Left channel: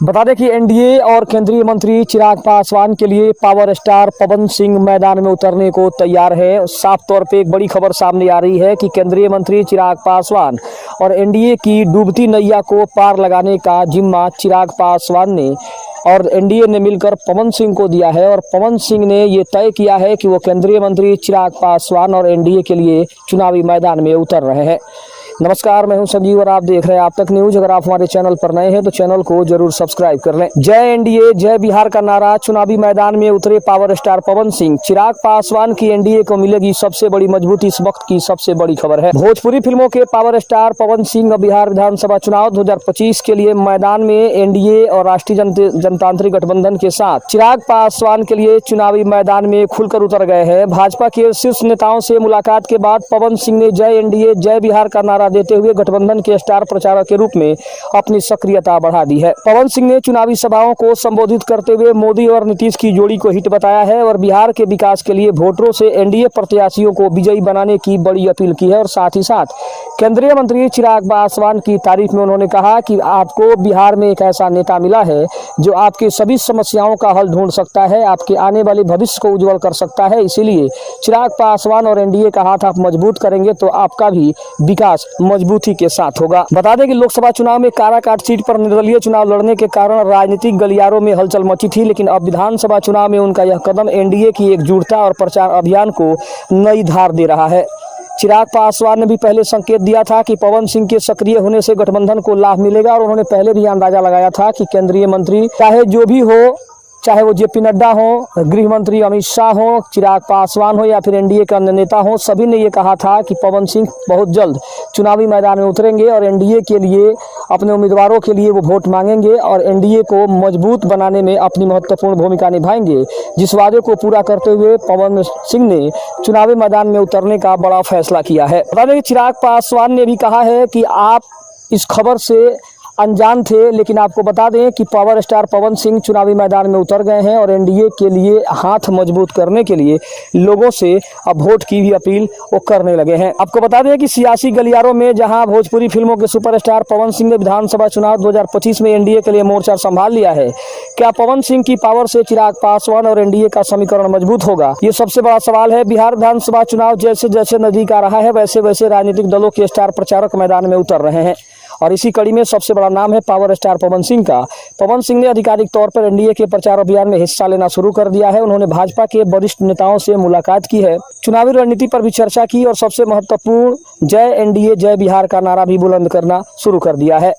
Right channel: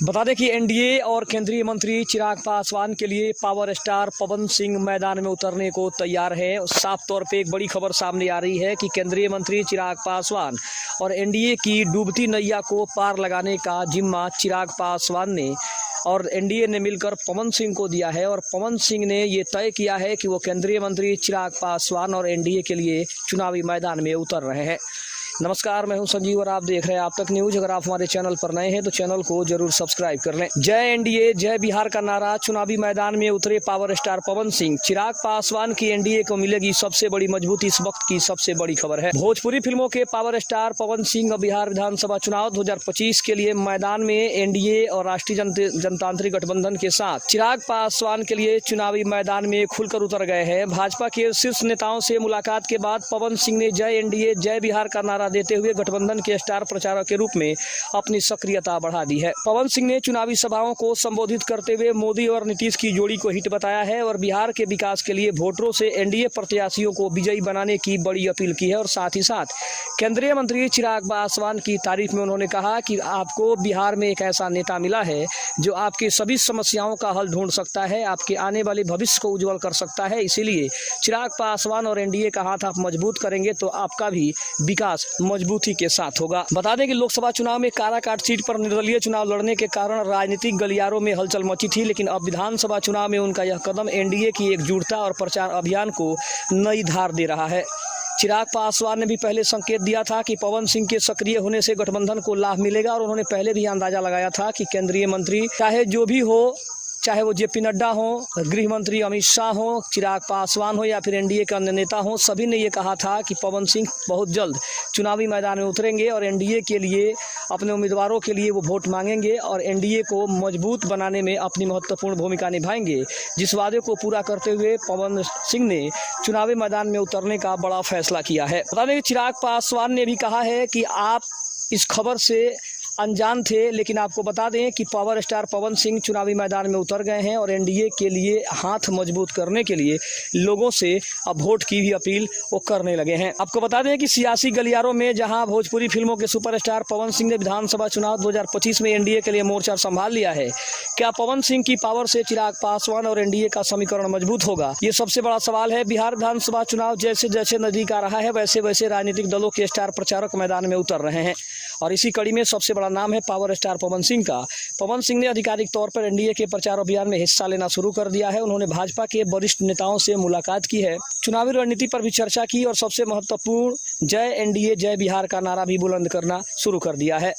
बता दें कि एनडीए और केंद्रीय मंत्री चिराग पासवान के लिए पावर स्टार पवन सिंह मैदान में उतरने को तैयार है। साफ तौर पे एक बड़ी खबर सामने आ रही है कि केंद्रीय मंत्री चिराग पासवान और एनडीए की डूबती नैया को पार लगाने का जिम्मा चिराग पासवान ने और एनडीए ने मिलकर पवन सिंह को दिया है और पवन सिंह ने ये तय किया है कि वो केंद्रीय मंत्री चिराग पासवान और एनडीए के लिए चुनावी मैदान में उतर रहे हैं। नमस्कार, मैं हूं संजीव और आप देख रहे हैं आप तक न्यूज। अगर आप हमारे चैनल पर नए हैं तो चैनल को जरूर सब्सक्राइब कर लें। जय एनडीए जय बिहार का नारा, चुनावी मैदान में उतरे पावर स्टार पवन सिंह। चिराग पासवान की एनडीए को मिलेगी सबसे बड़ी मजबूती, इस वक्त की सबसे बड़ी खबर है। भोजपुरी फिल्मों के पावर स्टार पवन सिंह बिहार विधानसभा चुनाव 2025 के लिए मैदान में एनडीए और राष्ट्रीय जनतांत्रिक गठबंधन के साथ चिराग पासवान के लिए चुनावी मैदान में खुलकर उतर गए हैं। भाजपा के शीर्ष नेताओं से मुलाकात के बाद पवन सिंह ने जय एनडीए जय बिहार का नारा देते हुए गठबंधन के स्टार प्रचारक के रूप में अपनी सक्रियता बढ़ा दी है। पवन सिंह ने चुनावी सभाओं को संबोधित करते हुए मोदी और नीतीश की जोड़ी को हिट बताया है और बिहार के विकास के लिए वोटरों से एनडीए प्रत्याशियों को विजयी बनाने की बड़ी अपील की है और साथ ही साथ केंद्रीय मंत्री चिराग पासवान की तारीफ में उन्होंने कहा कि आपको बिहार में एक ऐसा नेता मिला है जो आपकी सभी समस्याओं का हल ढूंढ सकता है, आपके आने वाले भविष्य को उज्जवल कर सकता है। इसीलिए चिराग पासवान और एनडीए का हाथ आप मजबूत करेंगे तो आपका भी विकास मजबूती के साथ होगा। बता दें कि लोकसभा चुनाव में काराकाट सीट पर निर्दलीय चुनाव लड़ने के कारण राजनीतिक गलियारों में हलचल मची थी, लेकिन अब विधानसभा चुनाव में उनका यह कदम एनडीए की एकजुटता और प्रचार अभियान को नई धार दे रहा है। चिराग पासवान ने भी पहले संकेत दिया था कि पवन सिंह के सक्रिय होने से गठबंधन को लाभ मिलेगा और उन्होंने पहले भी अंदाजा लगाया था कि केंद्रीय मंत्री चाहे जो भी हो, चाहे वो जेपी नड्डा हो, गृह मंत्री अमित शाह हो, चिराग पासवान हो या फिर एनडीए का अन्य नेता हो, सभी ने ये कहा था कि पवन सिंह बहुत जल्द चुनावी मैदान में उतरेंगे और एनडीए के लिए अपने उम्मीदवारों के लिए वो वोट मांगेंगे और एनडीए को मजबूत बनाने में अपनी महत्वपूर्ण भूमिका निभाएंगे। जिस वादे को पूरा करते हुए पवन सिंह ने चुनावी मैदान में उतरने का बड़ा फैसला किया है। बता दें कि चिराग पासवान ने भी कहा है कि आप इस खबर से अनजान थे, लेकिन आपको बता दें कि पावर स्टार पवन सिंह चुनावी मैदान में उतर गए हैं और एनडीए के लिए हाथ मजबूत करने के लिए लोगों से अब वोट की भी अपील वो करने लगे हैं। आपको बता दें कि सियासी गलियारों में जहां भोजपुरी फिल्मों के सुपरस्टार पवन सिंह ने विधानसभा चुनाव 2025 में एनडीए के लिए मोर्चा संभाल लिया है, क्या पवन सिंह की पावर से चिराग पासवान और एनडीए का समीकरण मजबूत होगा? ये सबसे बड़ा सवाल है। बिहार विधानसभा चुनाव जैसे जैसे नजदीक आ रहा है वैसे वैसे राजनीतिक दलों के स्टार प्रचारक मैदान में उतर रहे हैं और इसी कड़ी में सबसे बड़ा नाम है पावर स्टार पवन सिंह का। पवन सिंह ने आधिकारिक तौर पर एनडीए के प्रचार अभियान में हिस्सा लेना शुरू कर दिया है। उन्होंने भाजपा के वरिष्ठ नेताओं से मुलाकात की है, चुनावी रणनीति पर भी चर्चा की और सबसे महत्वपूर्ण जय एनडीए जय बिहार का नारा भी बुलंद करना शुरू कर दिया है।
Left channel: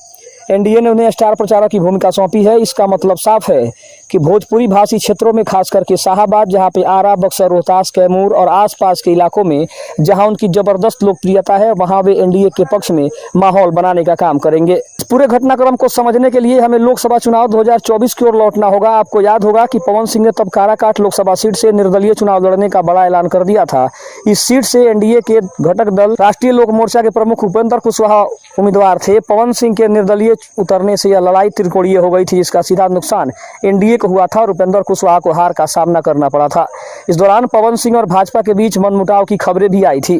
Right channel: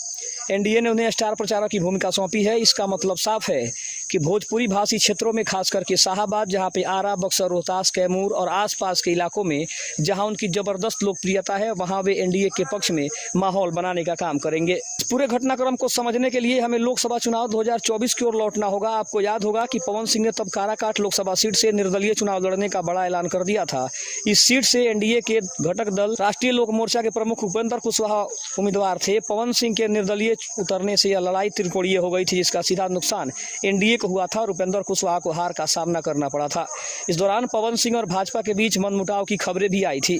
एनडीए ने उन्हें स्टार प्रचारक की भूमिका सौंपी है। इसका मतलब साफ है कि भोजपुरी भाषी क्षेत्रों में खास करके शाहाबाद, जहां पे आरा, बक्सर, रोहतास, कैमूर और आसपास के इलाकों में जहां उनकी जबरदस्त लोकप्रियता है, वहां वे एनडीए के पक्ष में माहौल बनाने का काम करेंगे। पूरे घटनाक्रम को समझने के लिए हमें लोकसभा चुनाव 2024 की ओर लौटना होगा। आपको याद होगा कि पवन सिंह ने तब काराकाट लोकसभा सीट से निर्दलीय चुनाव लड़ने का बड़ा ऐलान कर दिया था। इस सीट से एनडीए के घटक दल राष्ट्रीय लोक मोर्चा के प्रमुख उपेंद्र कुशवाहा उम्मीदवार थे। पवन सिंह के निर्दलीय उतरने से यह लड़ाई त्रिकोणीय हो गई थी, जिसका सीधा नुकसान एनडीए को हुआ था और उपेंद्र कुशवाहा को हार का सामना करना पड़ा था। इस दौरान पवन सिंह और भाजपा के बीच मनमुटाव की खबरें भी आई थी।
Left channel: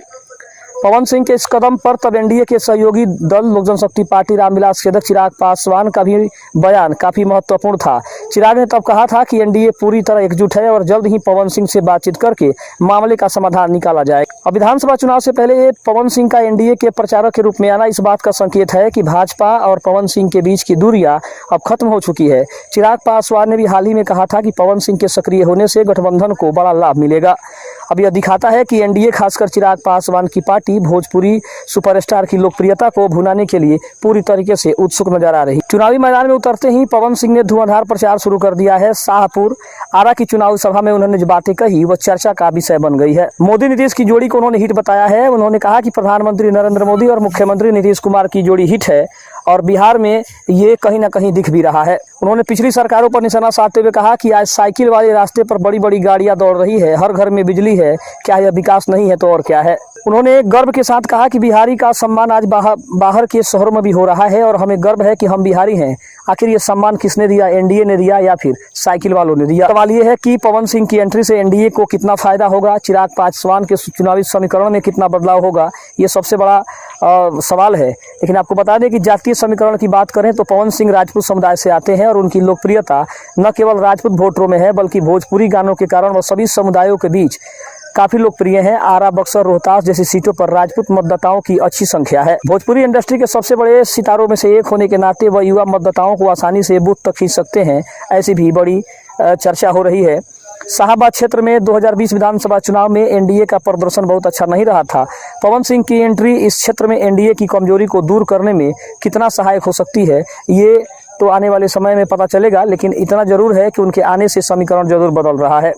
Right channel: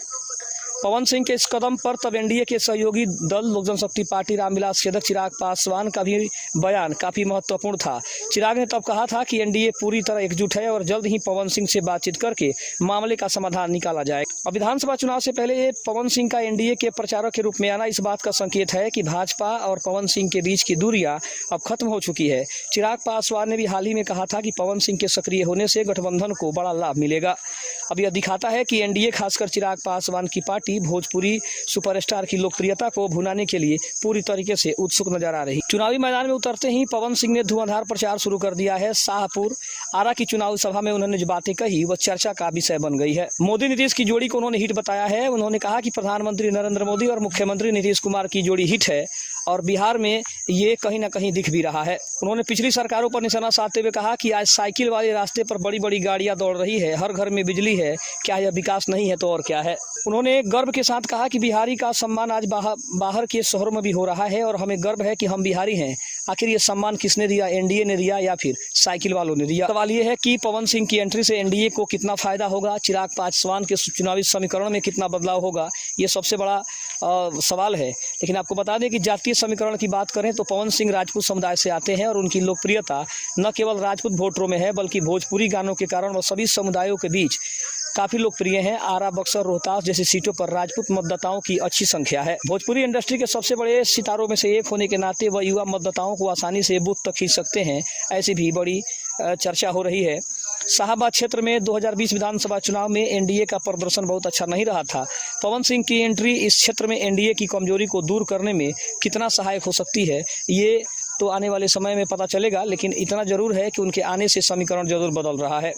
पवन सिंह के इस कदम पर तब एनडीए के सहयोगी दल लोक जनशक्ति पार्टी रामविलास के अध्यक्ष चिराग पासवान का भी बयान काफी महत्वपूर्ण था। चिराग ने तब कहा था कि एनडीए पूरी तरह एकजुट है और जल्द ही पवन सिंह से बातचीत करके मामले का समाधान निकाला जाएगा। अब विधानसभा चुनाव से पहले पवन सिंह का एनडीए के प्रचारक के रूप में आना इस बात का संकेत है कि भाजपा और पवन सिंह के बीच की दूरियां अब खत्म हो चुकी है। चिराग पासवान ने भी हाल ही में कहा था कि पवन सिंह के सक्रिय होने से गठबंधन को बड़ा लाभ मिलेगा। अब यह दिखाता है कि एनडीए खासकर चिराग पासवान की पार्टी भोजपुरी सुपरस्टार की लोकप्रियता को भुनाने के लिए पूरी तरीके से उत्सुक नजर आ रही। चुनावी मैदान में उतरते ही पवन सिंह ने धुआंधार प्रचार शुरू कर दिया है। शाहपुर, आरा की चुनावी सभा में उन्होंने जो बातें कही वह चर्चा का विषय बन गई है। मोदी नीतीश की जोड़ी को उन्होंने हिट बताया है। उन्होंने कहा कि प्रधानमंत्री नरेंद्र मोदी और मुख्यमंत्री नीतीश कुमार की जोड़ी हिट है और बिहार में ये कहीं ना कहीं दिख भी रहा है। उन्होंने पिछली सरकारों पर निशाना साधते हुए कहा कि आज साइकिल वाले रास्ते पर बड़ी बड़ी गाड़ियां दौड़ रही है, हर घर में बिजली है, क्या यह विकास नहीं है तो और क्या है। उन्होंने गर्व के साथ कहा कि बिहारी का सम्मान आज बाहर के शहरों में भी हो रहा है और हमें गर्व है कि हम बिहारी हैं। आखिर ये सम्मान किसने दिया, एनडीए ने दिया या फिर साइकिल वालों ने दिया? सवाल ये है कि पवन सिंह की एंट्री से एनडीए को कितना फायदा होगा, चिराग पासवान के चुनावी समीकरण में कितना बदलाव होगा, ये सबसे बड़ा सवाल है। लेकिन आपको बता दें कि जातीय समीकरण की बात करें तो पवन सिंह राजपूत समुदाय से आते हैं और उनकी लोकप्रियता न केवल राजपूत वोटरों में है बल्कि भोजपुरी गानों के कारण वह सभी समुदायों के बीच काफी लोकप्रिय हैं। आरा, बक्सर, रोहतास जैसी सीटों पर राजपूत मतदाताओं की अच्छी संख्या है। भोजपुरी इंडस्ट्री के सबसे बड़े सितारों में से एक होने के नाते वह युवा मतदाताओं को आसानी से बूथ तक खींच सकते हैं, ऐसी भी बड़ी चर्चा हो रही है। शाहबाद क्षेत्र में 2020 विधानसभा चुनाव में एनडीए का प्रदर्शन बहुत अच्छा नहीं रहा था। पवन सिंह की एंट्री इस क्षेत्र में एनडीए की कमजोरी को दूर करने में कितना सहायक हो सकती है, ये तो आने वाले समय में पता चलेगा। लेकिन इतना जरूर है कि उनके आने से समीकरण जरूर बदल रहा है।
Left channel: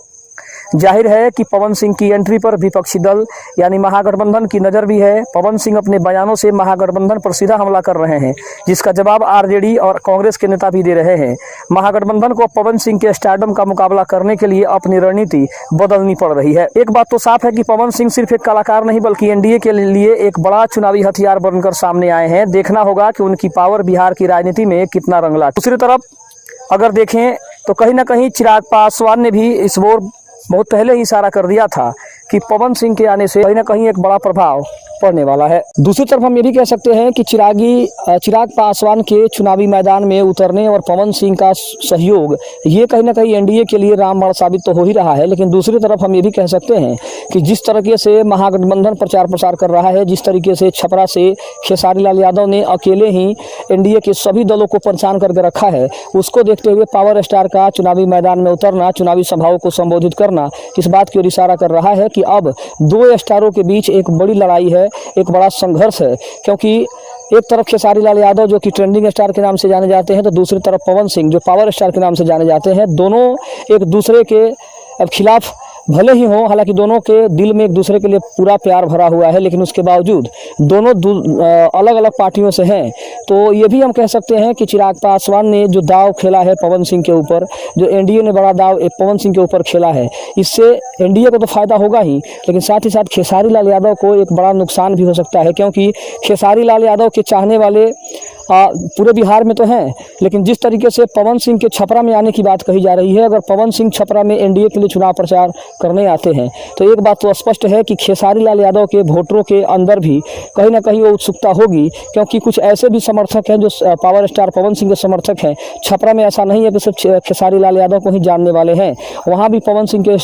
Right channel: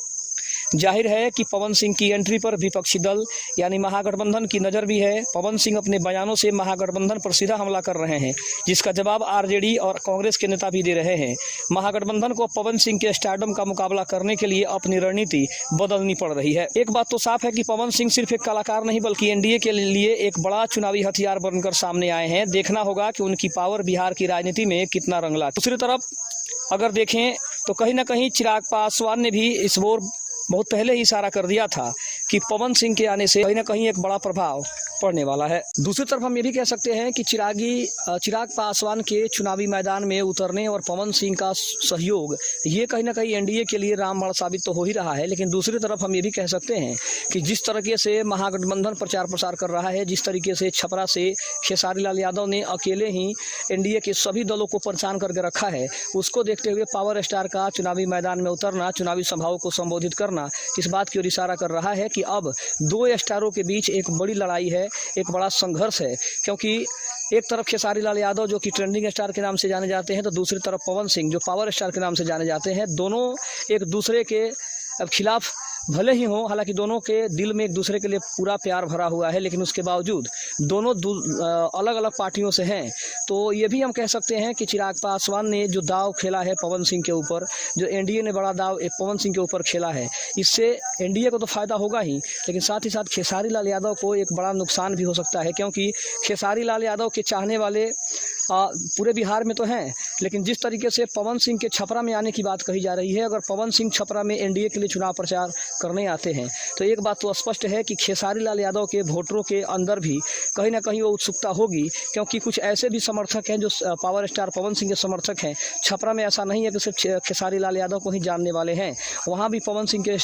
जाहिर है कि पवन सिंह की एंट्री पर विपक्षी दल यानी महागठबंधन की नज़र भी है। पवन सिंह अपने बयानों से महागठबंधन पर सीधा हमला कर रहे हैं, जिसका जवाब आरजेडी और कांग्रेस के नेता भी दे रहे हैं। महागठबंधन को पवन सिंह के स्टारडम का मुकाबला करने के लिए अपनी रणनीति बदलनी पड़ रही है। एक बात तो साफ है कि पवन सिंह सिर्फ एक कलाकार नहीं बल्कि एनडीए के लिए एक बड़ा चुनावी हथियार बनकर सामने आए हैं। देखना होगा कि उनकी पावर बिहार की राजनीति में कितना रंग लाती है। दूसरी तरफ अगर देखें तो कहीं ना कहीं चिराग पासवान ने भी इस ओर बहुत पहले ही इशारा कर दिया था कि पवन सिंह के आने से कहीं ना कहीं एक बड़ा प्रभाव पड़ने वाला है। दूसरी तरफ हम ये भी कह सकते हैं कि चिराग पासवान के चुनावी मैदान में उतरने और पवन सिंह का सहयोग ये कहीं ना कहीं एनडीए के लिए रामबाण साबित तो हो ही रहा है। लेकिन दूसरी तरफ हम ये भी कह सकते हैं कि जिस तरीके से महागठबंधन प्रचार प्रसार कर रहा है, जिस तरीके से छपरा से खेसारी लाल यादव ने अकेले ही एनडीए के सभी दलों को परेशान करके रखा है, उसको देखते हुए पावर स्टार का चुनावी मैदान में उतरना, चुनावी सभाओं को संबोधित करना इस बात की ओर इशारा कर रहा है कि अब दो स्टारों के बीच एक बड़ी लड़ाई है, एक बड़ा संघर्ष है। क्योंकि एक तरफ खेसारी लाल यादव जो कि ट्रेंडिंग स्टार के नाम से जाने जाते हैं, तो दूसरी तरफ पवन सिंह जो पावर स्टार के नाम से जाने जाते हैं। दोनों एक दूसरे के खिलाफ भले ही हों, हालांकि दोनों के दिल में एक दूसरे के लिए पूरा प्यार भरा हुआ है, लेकिन उसके बावजूद दोनों अलग अलग पार्टियों से हैं। तो ये भी हम कह सकते हैं कि चिराग पासवान ने जो दाव खेला है पवन सिंह के ऊपर, जो एनडीए ने बड़ा दाव पवन सिंह के ऊपर खेला है, इससे एनडीए को तो फायदा होगा ही, लेकिन साथ ही साथ खेसारी लाल यादव को एक बड़ा नुकसान भी हो सकता है। क्योंकि खेसारी लाल यादव के चाहने वाले पूरे बिहार में तो हैं, लेकिन जिस तरीके से पवन सिंह के छपरा में आने की बात कही जा रही है, अगर पवन सिंह छपरा में एनडीए के लिए चुनाव प्रचार करने आते हैं तो एक बात तो स्पष्ट है कि खेसारी लाल यादव के वोटरों के अंदर भी कहीं ना कहीं वो उत्सुकता होगी। क्योंकि कुछ ऐसे भी समर्थक हैं जो पावर स्टार पवन सिंह के समर्थक हैं। छपरा में ऐसा नहीं है कि सिर्फ खेसारी लाल यादव को ही जानने वाले हैं, वहाँ भी पवन सिंह के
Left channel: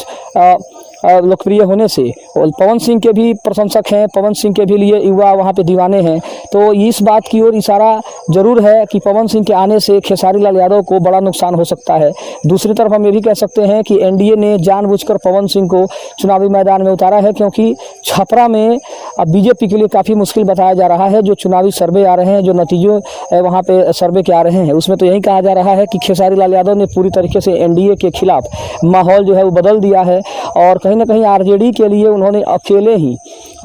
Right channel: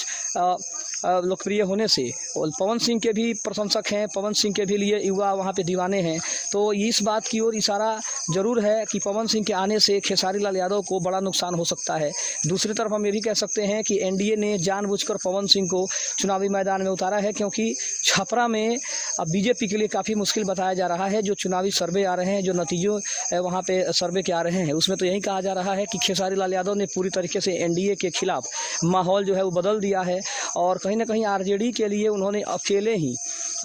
लोकप्रिय होने से और पवन सिंह के भी प्रशंसक हैं, पवन सिंह के भी लिए युवा वहाँ पे दीवाने हैं। तो इस बात की ओर इशारा जरूर है कि पवन सिंह के आने से खेसारी लाल यादव को बड़ा नुकसान हो सकता है। दूसरी तरफ हम ये भी कह सकते हैं कि एनडीए ने जानबूझकर पवन सिंह को चुनावी मैदान में उतारा है, क्योंकि छपरा में अब बीजेपी के लिए काफ़ी मुश्किल बताया जा रहा है। जो चुनावी सर्वे आ रहे हैं, जो नतीजों वहाँ पे सर्वे के आ रहे हैं, उसमें तो यही कहा जा रहा है कि खेसारी लाल यादव ने पूरी तरीके से एनडीए के खिलाफ माहौल जो है वो बदल दिया है और कहीं ना कहीं आरजेडी के लिए उन्होंने अकेले ही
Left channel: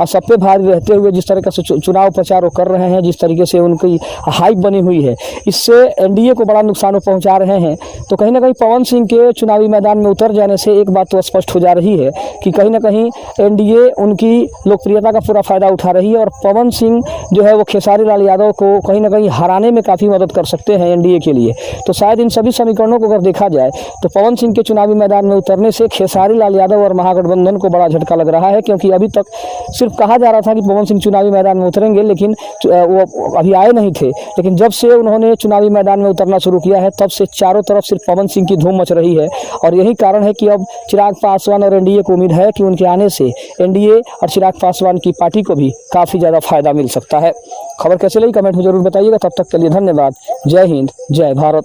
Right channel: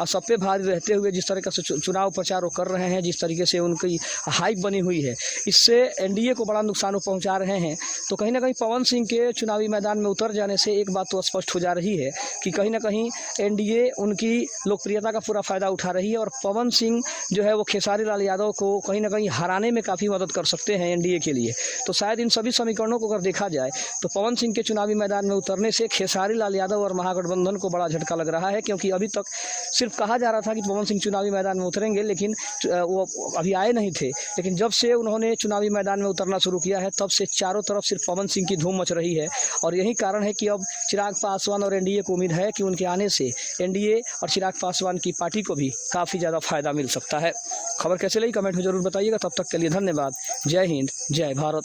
सब पे भारी रहते हुए जिस तरीके से चुनाव प्रचार कर रहे हैं, जिस तरीके से उनकी हाइप बनी हुई है, इससे एनडीए को बड़ा नुकसान पहुंचा रहे हैं। तो कहीं ना कहीं पवन सिंह के चुनावी मैदान में उतर जाने से एक बात तो स्पष्ट हो जा रही है कि कहीं ना कहीं एनडीए उनकी लोकप्रियता का पूरा फायदा उठा रही है और पवन सिंह जो है वो खेसारी लाल यादव को कहीं ना कहीं हराने में काफ़ी मदद कर सकते हैं एनडीए के लिए। तो शायद इन सभी समीकरणों को अगर देखा जाए तो पवन सिंह के चुनावी मैदान में उतरने से खेसारी लाल यादव और महागठबंधन को बड़ा झटका लग रहा है। क्योंकि अभी तक सिर्फ कहा जा रहा था कि पवन सिंह चुनावी मैदान में उतरेंगे, लेकिन वो अभी आए नहीं थे। लेकिन जब से उन्होंने चुनावी मैदान में उतरना शुरू किया है, तब से चारों तरफ सिर्फ पवन सिंह की धूम मच रही है और यही कारण है कि अब चिराग पासवान और एनडीए को उम्मीद है कि उनके आने से एनडीए और चिराग पासवान की पार्टी को भी काफ़ी ज़्यादा फायदा मिल सकता है। खबर कैसे लगी कमेंट में जरूर बताइएगा। तब तक के लिए धन्यवाद। जय हिंद, जय भारत।